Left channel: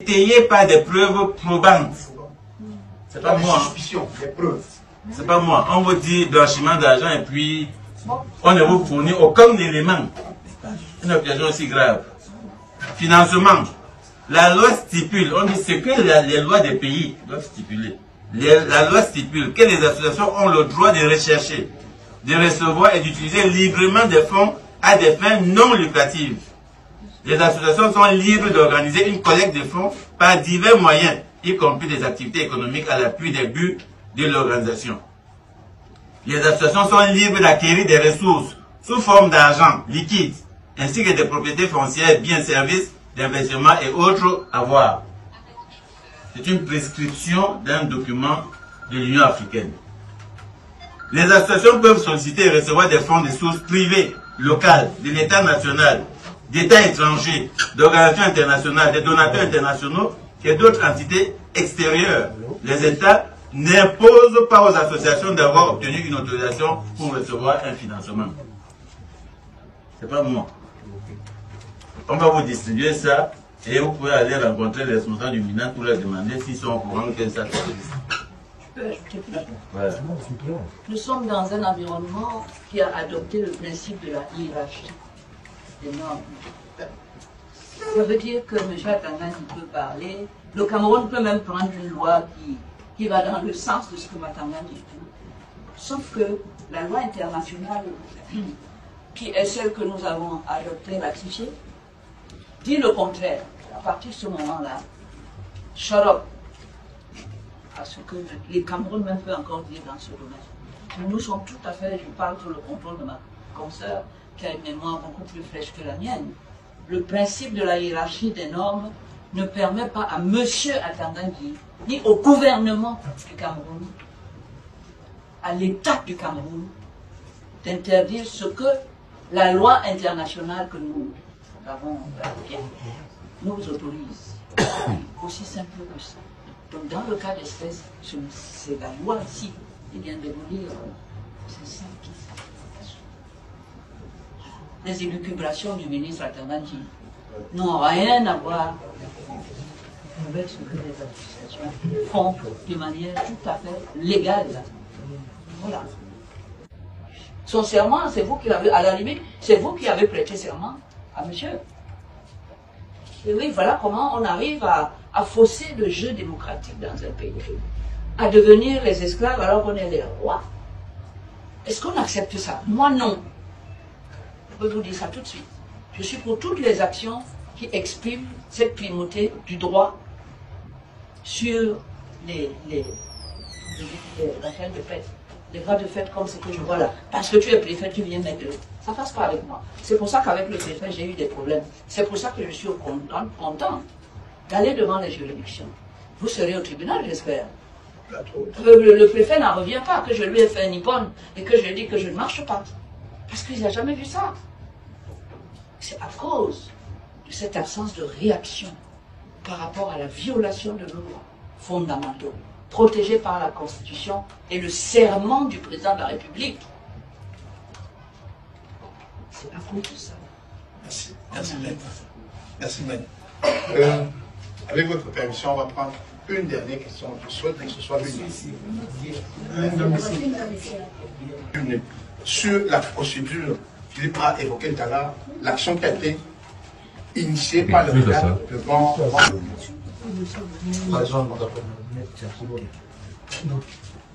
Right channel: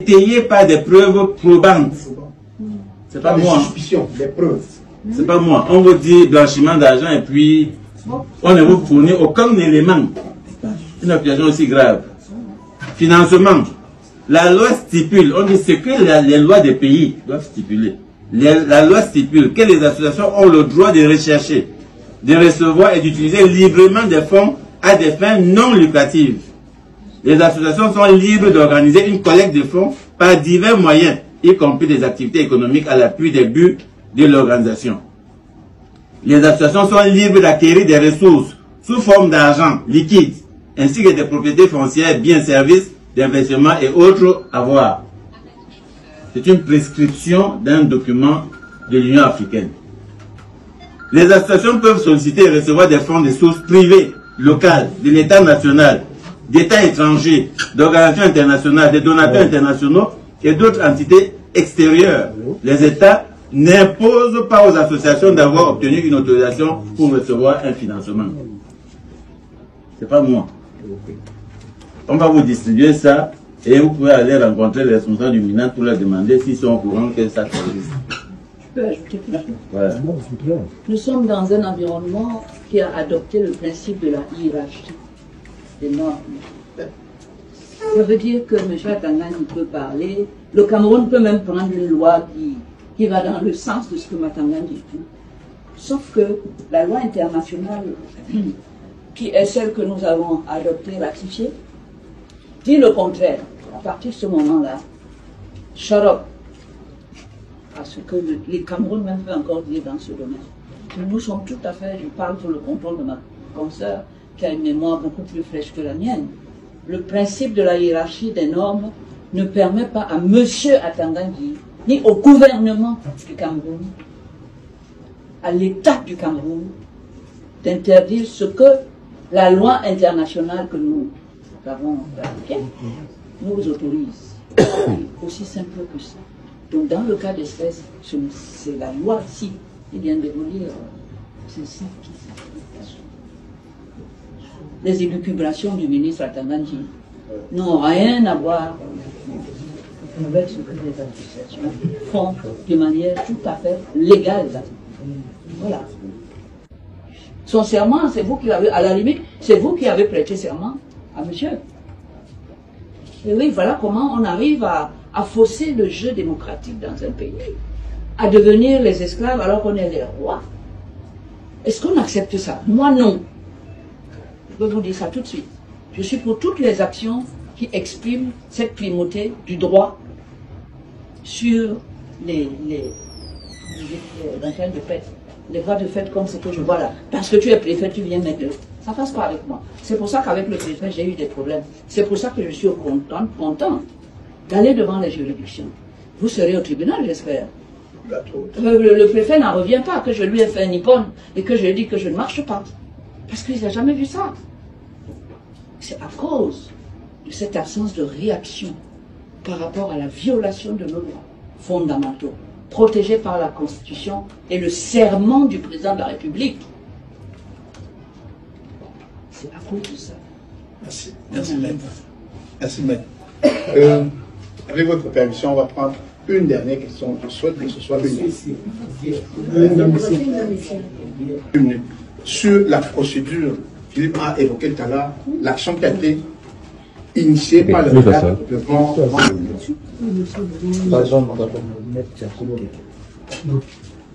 étayé par des preuves probantes. C'est pas moi. Suspicions, des preuves. C'est pas moi. On vous dit blanchiment d'argent et puis on ne vous fournit aucun élément. Une accusation aussi grave. Financement. La loi stipule, on dit ce que les lois des pays doivent stipuler. La loi stipule que les associations ont le droit de rechercher, de recevoir et d'utiliser librement des fonds à des fins non lucratives. Les associations sont libres d'organiser une collecte de fonds par divers moyens, y compris des activités économiques à l'appui des buts de l'organisation. Les associations sont libres d'acquérir des ressources sous forme d'argent liquide, ainsi que des propriétés foncières, biens, services, d'investissement et autres avoirs. C'est une prescription d'un document de l'Union africaine. Les associations peuvent solliciter et recevoir des fonds de sources privées, locales, de l'État national, d'États étrangers, d'organisations internationales, de donateurs internationaux et d'autres entités extérieures. Les États n'imposent pas aux associations d'avoir obtenu une autorisation pour recevoir un financement. C'est pas moi. On va vous distribuer ça et vous pouvez aller rencontrer les responsables du MINAT pour leur demander s'ils sont au courant que ça se risque. Je peux ajouter quelque chose. Voilà. Nous sommes dans un environnement qui a adopté le principe de la hiérarchie des normes. Ça veut dire que M. Matangani peut parler, le Cameroun peut même prendre une loi qui va dans le sens de ce que Matangani dit. Sauf que la loi internationale, qui est celle que nous avons adoptée, ratifiée, dit le contraire. À partir de ce moment-là, shut up à ce que les Cameroun même peut encore dire dans ce domaine. Nous sommes tout à fait, je parle sous le contrôle de ma consoeur, qui a une mémoire beaucoup plus fraîche que la mienne. Le principe de la hiérarchie des normes ne permet pas à M. Atangandi, ni au gouvernement du Cameroun, à l'État du Cameroun, d'interdire ce que la loi internationale que nous avons ratifiée nous autorise. Aussi simple que ça. Donc dans le cas d'espèce, c'est la loi ici qui vient de vous dire, c'est ça qui s'applique. Les élucubrations du ministre Atangandi n'ont rien à voir avec ce que les associations font de manière tout à fait légale. Voilà. Son serment, c'est vous qui l'avez, à la limite, c'est vous qui avez prêté serment à monsieur. Et oui, voilà comment on arrive à fausser le jeu démocratique dans un pays, à devenir les esclaves alors qu'on est les rois. Est-ce qu'on accepte ça? Moi, non. Je peux vous dire ça tout de suite. Je suis pour toutes les actions qui expriment cette primauté du droit sur les de fait, les droits de fait comme ce que je vois là. Parce que tu es préfet, tu viens mettre. Ça passe pas avec moi. C'est pour ça qu'avec le préfet, j'ai eu des problèmes. C'est pour ça que je suis content d'aller devant les juridictions. Vous serez au tribunal, j'espère. Le préfet n'en revient pas que je lui ai fait un nippon et que je lui ai dit que je ne marche pas. Parce qu'il n'a jamais vu ça. C'est à cause de cette absence de réaction par rapport à la violation de nos lois fondamentaux, protégés par la Constitution et le serment du président de la République. C'est à cause de ça. Merci. Merci, maître. Merci, maître. Avec votre permission, on va prendre une dernière question. Je souhaite que ce soit une minute. Sur la procédure, Philippe a évoqué tout à l'heure, l'action qui a été initiée par le cadre devant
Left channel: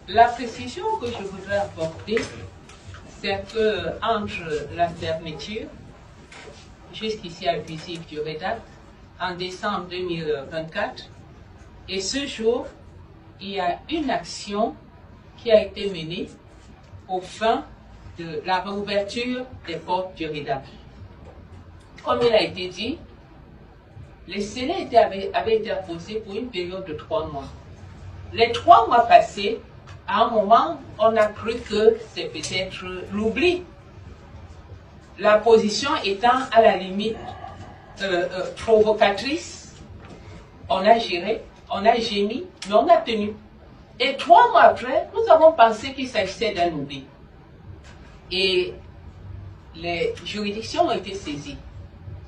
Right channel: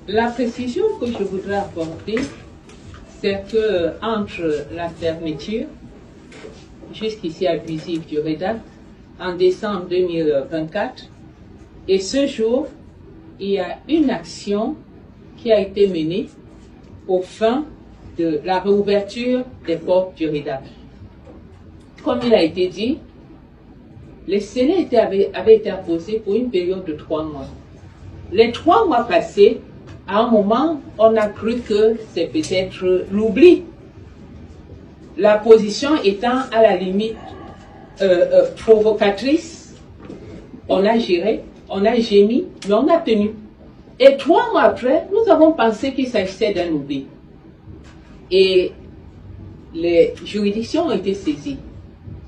La précision que je voudrais apporter, c'est que entre la fermeture, jusqu'ici abusive du REDAC, en décembre 2024, et ce jour, il y a une action qui a été menée aux fins de la réouverture des portes du REDAC. Comme il a été dit, les scellés avaient été imposés pour une période de 3 mois. Les 3 mois passés, à un moment, on a cru que c'est peut-être l'oubli. La position étant à la limite provocatrice, on a géré, on a gémi, mais on a tenu. Et 3 mois après, nous avons pensé qu'il s'agissait d'un oubli. Et les juridictions ont été saisies.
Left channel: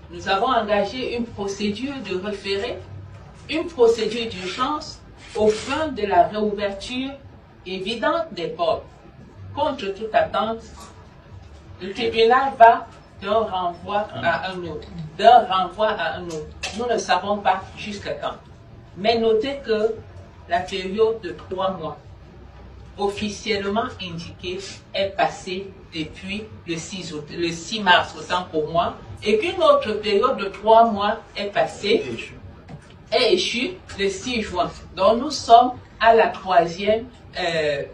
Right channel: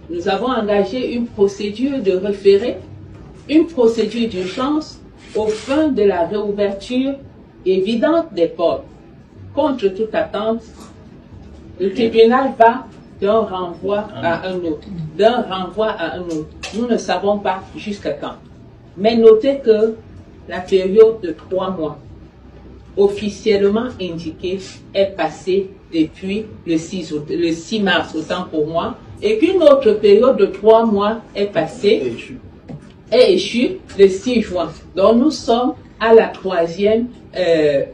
Nous avons engagé une procédure de référé une procédure d'urgence aux fins de la réouverture évidente des portes. Contre toute attente, le tribunal va d'un renvoi à un autre, Nous ne savons pas jusqu'à quand. Mais notez que la période de 3 mois, officiellement indiquée, est passée depuis le 6 mars, autant pour moi, et qu'une autre période de 3 mois est passée, est échue le 6 juin. Donc nous sommes à la 3e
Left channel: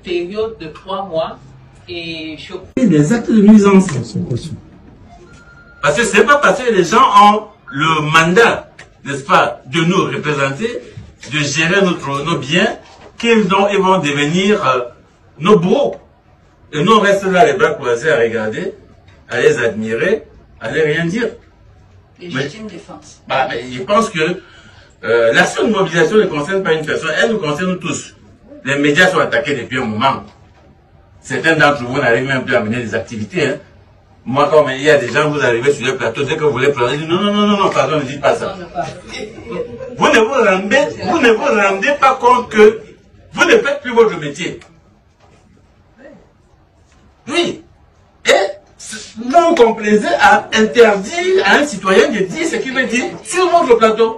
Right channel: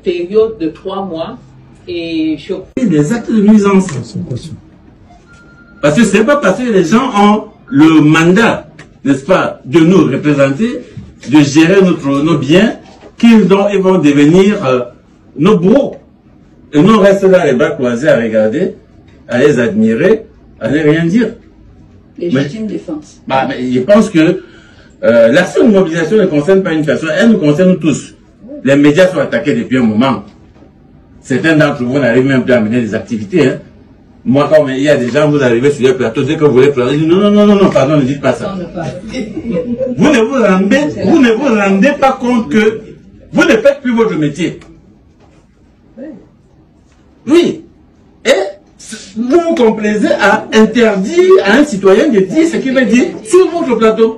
période de 3 mois, et je... Des actes de nuisance. Parce que c'est pas parce que les gens ont le mandat, n'est-ce pas, de nous représenter, de gérer nos biens, qu'ils vont devenir nos bourreaux. Et nous, on reste là, les bras croisés, à regarder, à les admirer, à ne rien dire. Légitime défense. Mais je pense que l'action de mobilisation ne concerne pas une personne, elle nous concerne tous. Les médias sont attaqués depuis un moment. Certains d'entre vous n'arrivent même plus à mener des activités. Hein. Moi, quand il y a des gens, vous arrivez sur le plateau, dès que vous voulez pleurer, non, pardon, ne dites pas ça. Vous ne vous rendez pas compte que vous ne faites plus votre métier. Oui. Et vous vous complaisez à interdire à un citoyen de dire ce qu'il veut dire sur votre plateau.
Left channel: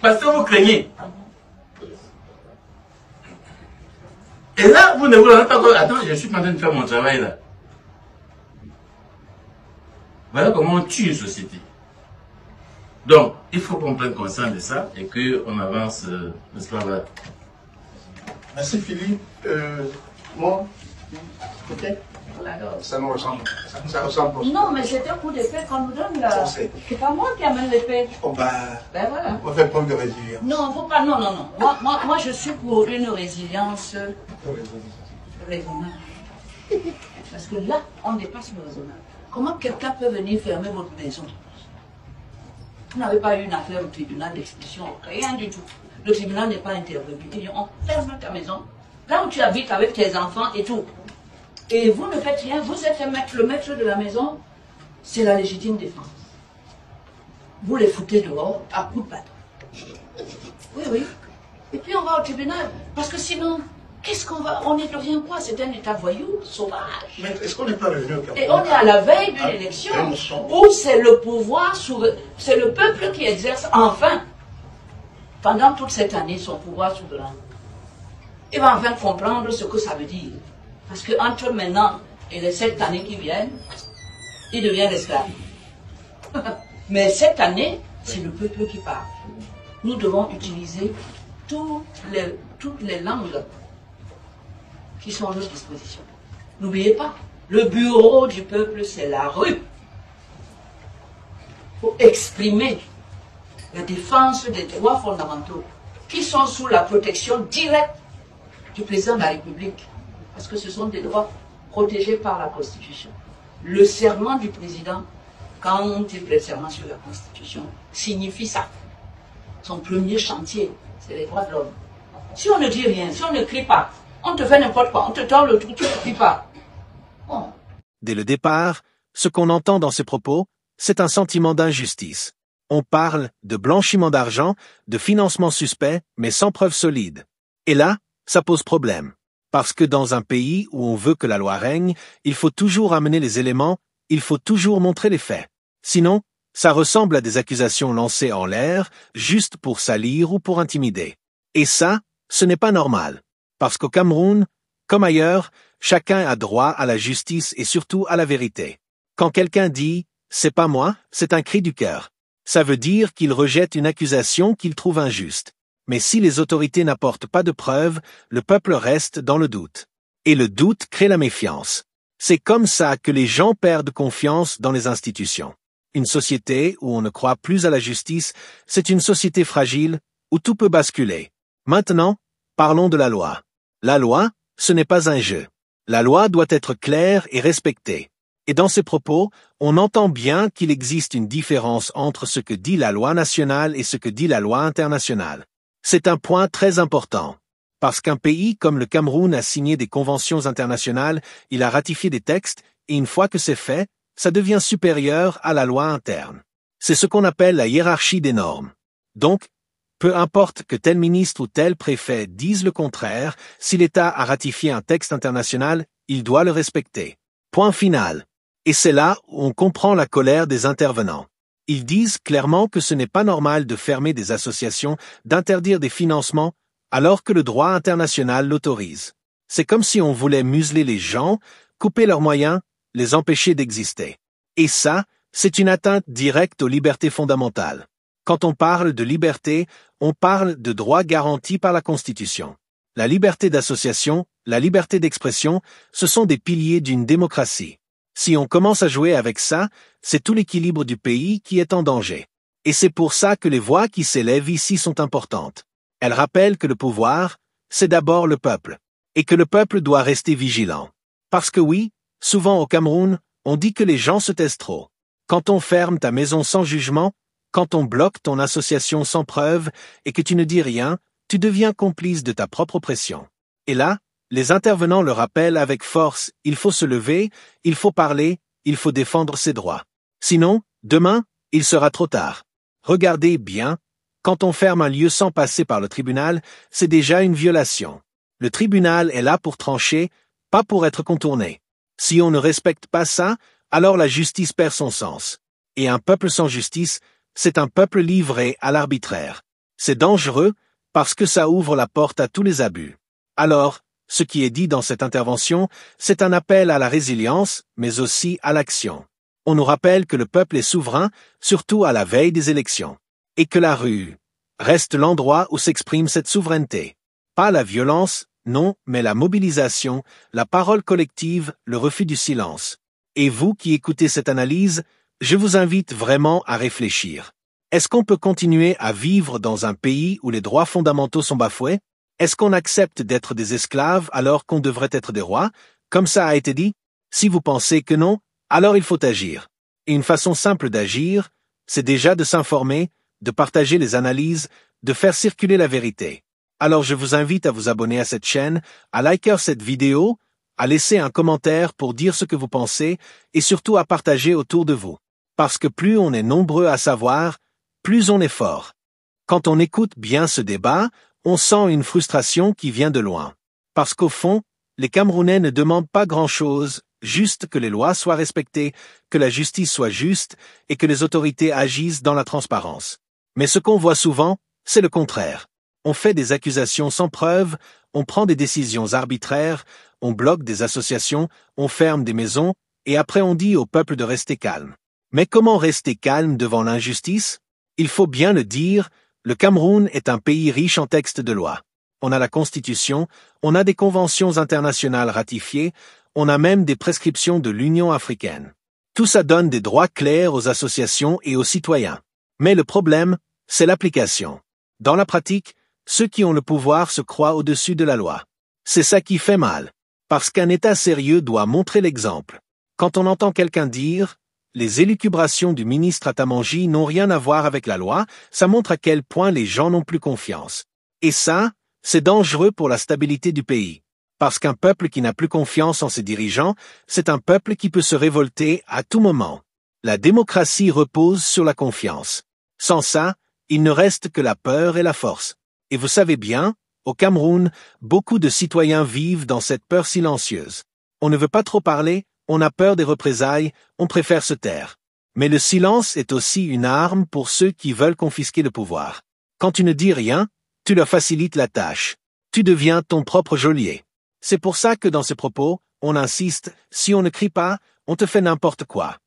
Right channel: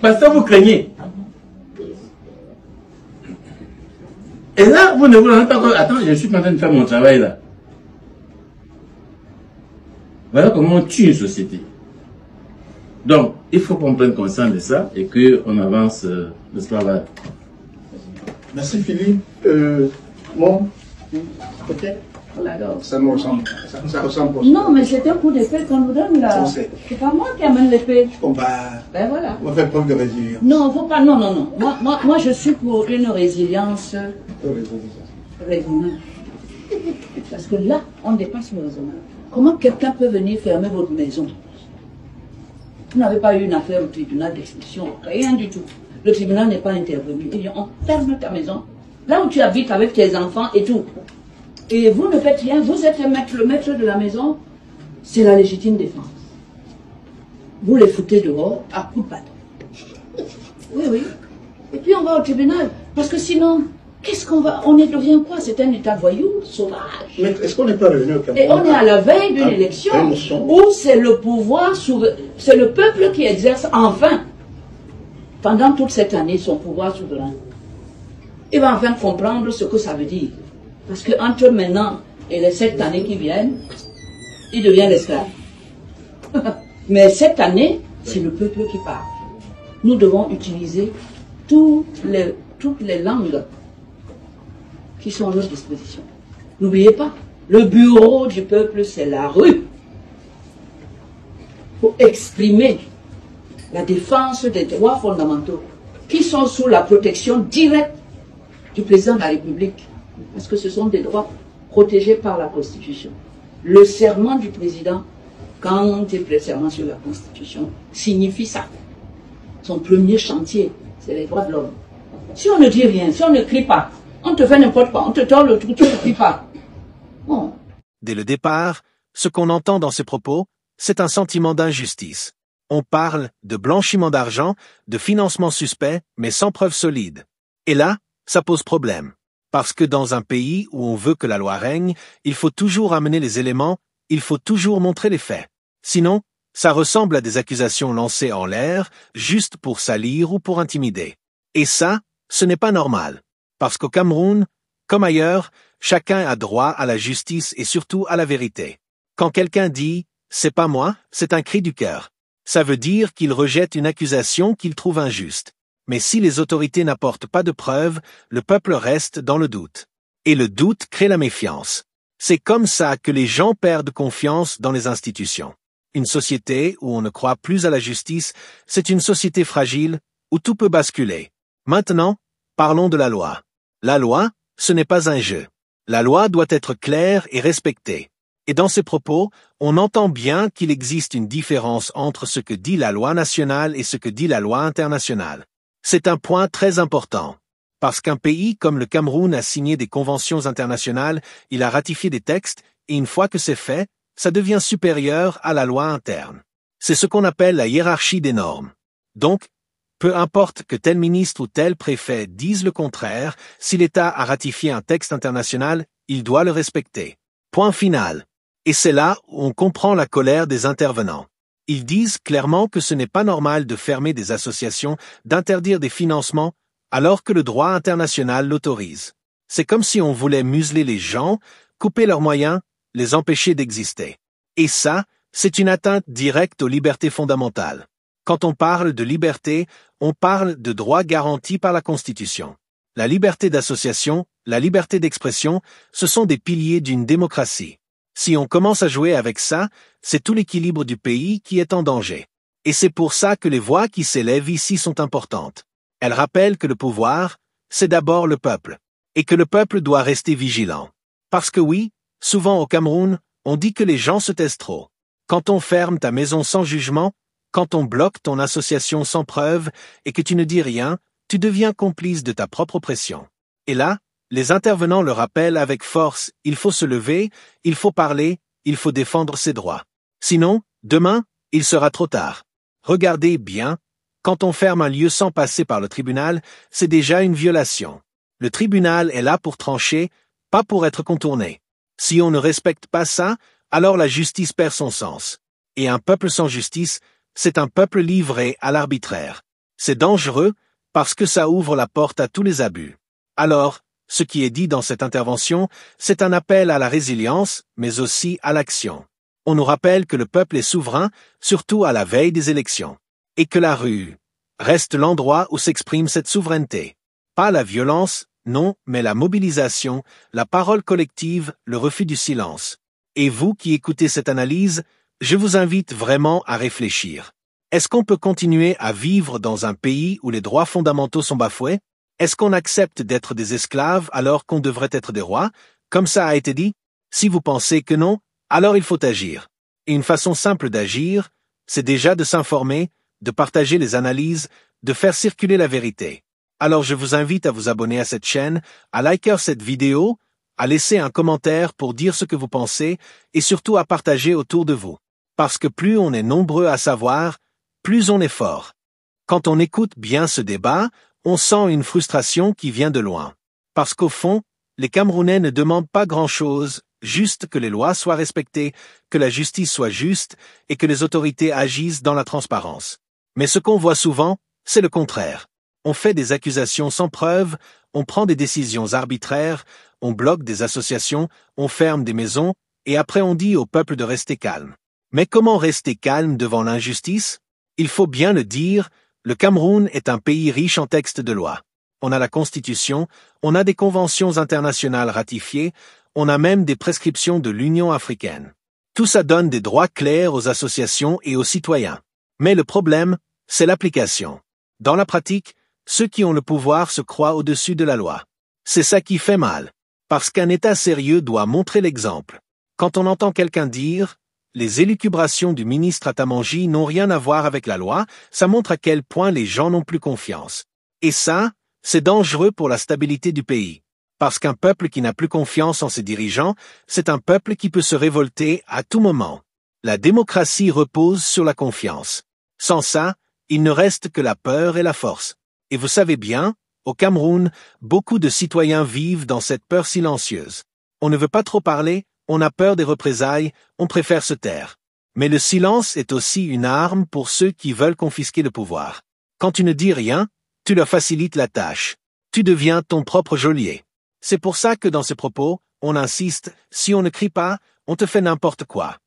Parce que vous craignez. Et là, vous ne vous rendez pas compte. Attends, je suis en train de faire mon travail là. Voilà comment on tue une société. Donc, il faut qu'on prenne conscience de ça et qu'on avance le travail. Merci Philippe. Moi, ok. Ça me ressemble. Ça ressemble. Non, mais c'est un coup d'épée qu'on nous donne là. C'est pas moi qui amène l'épée. Ben voilà. On va faire preuve de résilience. Non, faut pas. Non. Moi, je suis pour une résilience raisonnable. Parce que là, on dépasse le raisonnable. Comment quelqu'un peut venir fermer votre maison? Vous n'avez pas eu une affaire au tribunal d'expulsion, rien du tout. Le tribunal n'est pas intervenu. Il dit, on ferme ta maison, là où tu habites avec tes enfants et tout. Et vous ne faites rien, vous êtes le maître de la maison, c'est la légitime défense. Vous les foutez dehors à coups de bâton. Oui. Et puis on va au tribunal, parce que sinon... Qu'est-ce qu'on va... On devient quoi? C'est un état voyou, sauvage. Mais est-ce qu'on n'est pas revenu au Cameroun? Et on est à la veille d'une élection où c'est le pouvoir souverain, c'est le peuple qui exerce enfin, pendant toute cette année, son pouvoir souverain. Il va enfin comprendre ce que ça veut dire. Parce qu'entre maintenant et les 7 années qui viennent, il devient l'esclave. Mais cette année, c'est le peuple qui parle. Nous devons utiliser toutes les langues qui sont à notre disposition. N'oubliez pas, le bureau du peuple, c'est la rue. Pour exprimer la défense des droits fondamentaux qui sont sous la protection directe du président de la République, parce que ce sont des droits protégés par la Constitution. Le serment du président, quand il prête serment sur la Constitution, signifie ça. Son premier chantier, c'est les droits de l'homme. Si on ne dit rien, si on ne crie pas, on te fait n'importe quoi, on te tord le truc, tu ne cries pas. Bon. Dès le départ, ce qu'on entend dans ces propos, c'est un sentiment d'injustice. On parle de blanchiment d'argent, de financement suspect, mais sans preuve solide. Et là, ça pose problème. Parce que dans un pays où on veut que la loi règne, il faut toujours amener les éléments, il faut toujours montrer les faits. Sinon, ça ressemble à des accusations lancées en l'air, juste pour salir ou pour intimider. Et ça, ce n'est pas normal. Parce qu'au Cameroun, comme ailleurs, chacun a droit à la justice et surtout à la vérité. Quand quelqu'un dit « c'est pas moi », c'est un cri du cœur. Ça veut dire qu'il rejette une accusation qu'il trouve injuste. Mais si les autorités n'apportent pas de preuves, le peuple reste dans le doute. Et le doute crée la méfiance. C'est comme ça que les gens perdent confiance dans les institutions. Une société où on ne croit plus à la justice, c'est une société fragile où tout peut basculer. Maintenant, parlons de la loi. La loi, ce n'est pas un jeu. La loi doit être claire et respectée. Et dans ces propos, on entend bien qu'il existe une différence entre ce que dit la loi nationale et ce que dit la loi internationale. C'est un point très important. Parce qu'un pays comme le Cameroun a signé des conventions internationales, il a ratifié des textes, et une fois que c'est fait, ça devient supérieur à la loi interne. C'est ce qu'on appelle la hiérarchie des normes. Donc, Peu importe que tel ministre ou tel préfet dise le contraire, si l'État a ratifié un texte international, il doit le respecter. Point final. Et c'est là où on comprend la colère des intervenants. Ils disent clairement que ce n'est pas normal de fermer des associations, d'interdire des financements, alors que le droit international l'autorise. C'est comme si on voulait museler les gens, couper leurs moyens, les empêcher d'exister. Et ça, c'est une atteinte directe aux libertés fondamentales. Quand on parle de liberté, on parle de droits garantis par la Constitution. La liberté d'association, la liberté d'expression, ce sont des piliers d'une démocratie. Si on commence à jouer avec ça, c'est tout l'équilibre du pays qui est en danger. Et c'est pour ça que les voix qui s'élèvent ici sont importantes. Elles rappellent que le pouvoir, c'est d'abord le peuple, et que le peuple doit rester vigilant. Parce que oui, souvent au Cameroun, on dit que les gens se taisent trop. Quand on ferme ta maison sans jugement, quand on bloque ton association sans preuve et que tu ne dis rien, tu deviens complice de ta propre oppression. Et là, les intervenants le rappellent avec force, il faut se lever, il faut parler, il faut défendre ses droits. Sinon, demain, il sera trop tard. Regardez bien, quand on ferme un lieu sans passer par le tribunal, c'est déjà une violation. Le tribunal est là pour trancher, pas pour être contourné. Si on ne respecte pas ça, alors la justice perd son sens. Et un peuple sans justice, c'est un peuple livré à l'arbitraire. C'est dangereux parce que ça ouvre la porte à tous les abus. Alors, ce qui est dit dans cette intervention, c'est un appel à la résilience, mais aussi à l'action. On nous rappelle que le peuple est souverain, surtout à la veille des élections. Et que la rue reste l'endroit où s'exprime cette souveraineté. Pas la violence, non, mais la mobilisation, la parole collective, le refus du silence. Et vous qui écoutez cette analyse, je vous invite vraiment à réfléchir. Est-ce qu'on peut continuer à vivre dans un pays où les droits fondamentaux sont bafoués? Est-ce qu'on accepte d'être des esclaves alors qu'on devrait être des rois, comme ça a été dit? Si vous pensez que non, alors il faut agir. Et une façon simple d'agir, c'est déjà de s'informer, de partager les analyses, de faire circuler la vérité. Alors je vous invite à vous abonner à cette chaîne, à liker cette vidéo, à laisser un commentaire pour dire ce que vous pensez et surtout à partager autour de vous. Parce que plus on est nombreux à savoir, plus on est fort. Quand on écoute bien ce débat, on sent une frustration qui vient de loin. Parce qu'au fond, les Camerounais ne demandent pas grand-chose, juste que les lois soient respectées, que la justice soit juste et que les autorités agissent dans la transparence. Mais ce qu'on voit souvent, c'est le contraire. On fait des accusations sans preuve, on prend des décisions arbitraires, on bloque des associations, on ferme des maisons, et après on dit au peuple de rester calme. Mais comment rester calme devant l'injustice? Il faut bien le dire, le Cameroun est un pays riche en textes de loi. On a la Constitution, on a des conventions internationales ratifiées, on a même des prescriptions de l'Union africaine. Tout ça donne des droits clairs aux associations et aux citoyens. Mais le problème, c'est l'application. Dans la pratique, ceux qui ont le pouvoir se croient au-dessus de la loi. C'est ça qui fait mal. Parce qu'un État sérieux doit montrer l'exemple. Quand on entend quelqu'un dire « les élucubrations du ministre Atamangi n'ont rien à voir avec la loi », ça montre à quel point les gens n'ont plus confiance. Et ça, c'est dangereux pour la stabilité du pays. Parce qu'un peuple qui n'a plus confiance en ses dirigeants, c'est un peuple qui peut se révolter à tout moment. La démocratie repose sur la confiance. Sans ça, il ne reste que la peur et la force. Et vous savez bien, au Cameroun, beaucoup de citoyens vivent dans cette peur silencieuse. On ne veut pas trop parler, on a peur des représailles, on préfère se taire. Mais le silence est aussi une arme pour ceux qui veulent confisquer le pouvoir. Quand tu ne dis rien, tu leur facilites la tâche. Tu deviens ton propre geôlier. C'est pour ça que dans ces propos, on insiste, si on ne crie pas, on te fait n'importe quoi.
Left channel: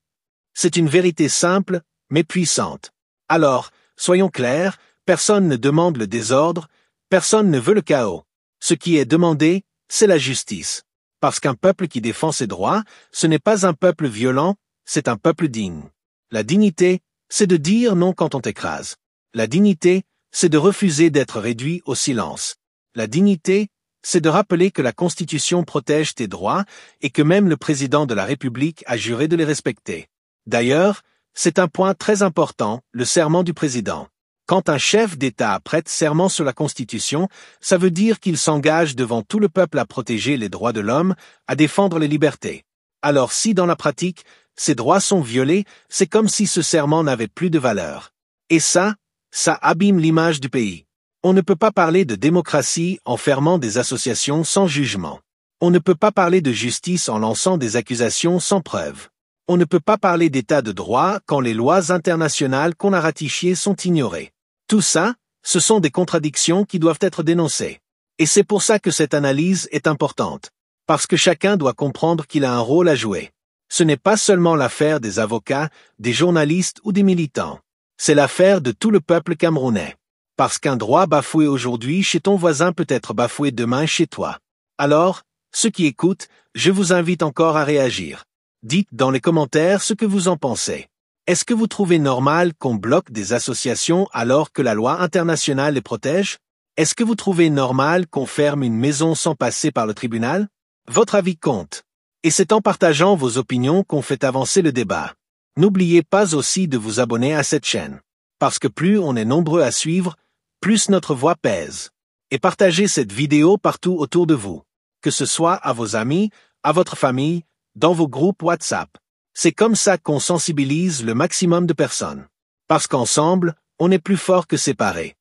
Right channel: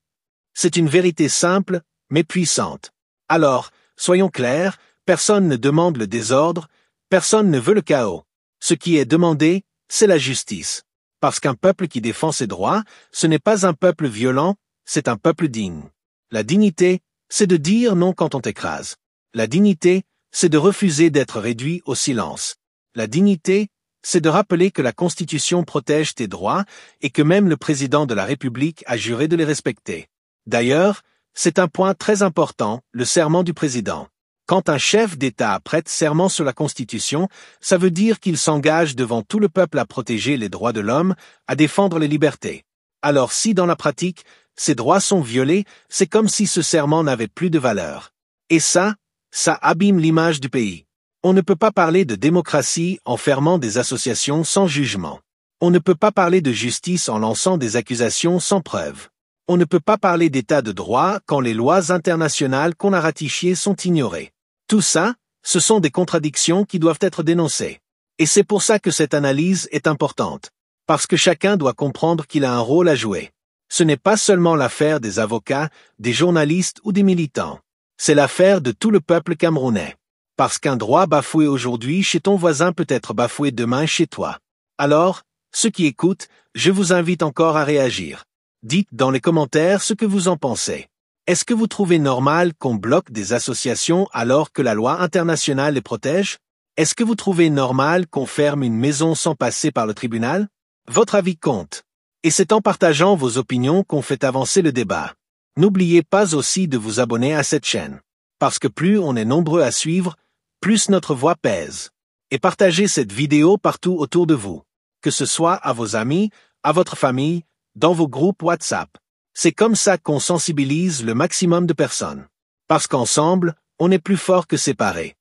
C'est une vérité simple, mais puissante. Alors, soyons clairs, personne ne demande le désordre, personne ne veut le chaos. Ce qui est demandé, c'est la justice. Parce qu'un peuple qui défend ses droits, ce n'est pas un peuple violent, c'est un peuple digne. La dignité, c'est de dire non quand on t'écrase. La dignité, c'est de refuser d'être réduit au silence. La dignité, c'est de rappeler que la Constitution protège tes droits et que même le président de la République a juré de les respecter. D'ailleurs, c'est un point très important, le serment du président. Quand un chef d'État prête serment sur la Constitution, ça veut dire qu'il s'engage devant tout le peuple à protéger les droits de l'homme, à défendre les libertés. Alors si dans la pratique, ces droits sont violés, c'est comme si ce serment n'avait plus de valeur. Et ça, Ça abîme l'image du pays. On ne peut pas parler de démocratie en fermant des associations sans jugement. On ne peut pas parler de justice en lançant des accusations sans preuve. On ne peut pas parler d'état de droit quand les lois internationales qu'on a ratifiées sont ignorées. Tout ça, ce sont des contradictions qui doivent être dénoncées. Et c'est pour ça que cette analyse est importante. Parce que chacun doit comprendre qu'il a un rôle à jouer. Ce n'est pas seulement l'affaire des avocats, des journalistes ou des militants. C'est l'affaire de tout le peuple camerounais. Parce qu'un droit bafoué aujourd'hui chez ton voisin peut être bafoué demain chez toi. Alors, ceux qui écoutent, je vous invite encore à réagir. Dites dans les commentaires ce que vous en pensez. Est-ce que vous trouvez normal qu'on bloque des associations alors que la loi internationale les protège? Est-ce que vous trouvez normal qu'on ferme une maison sans passer par le tribunal? Votre avis compte. Et c'est en partageant vos opinions qu'on fait avancer le débat. N'oubliez pas aussi de vous abonner à cette chaîne. Parce que plus on est nombreux à suivre, plus notre voix pèse. Et partagez cette vidéo partout autour de vous. Que ce soit à vos amis, à votre famille, dans vos groupes WhatsApp. C'est comme ça qu'on sensibilise le maximum de personnes. Parce qu'ensemble, on est plus fort que séparés.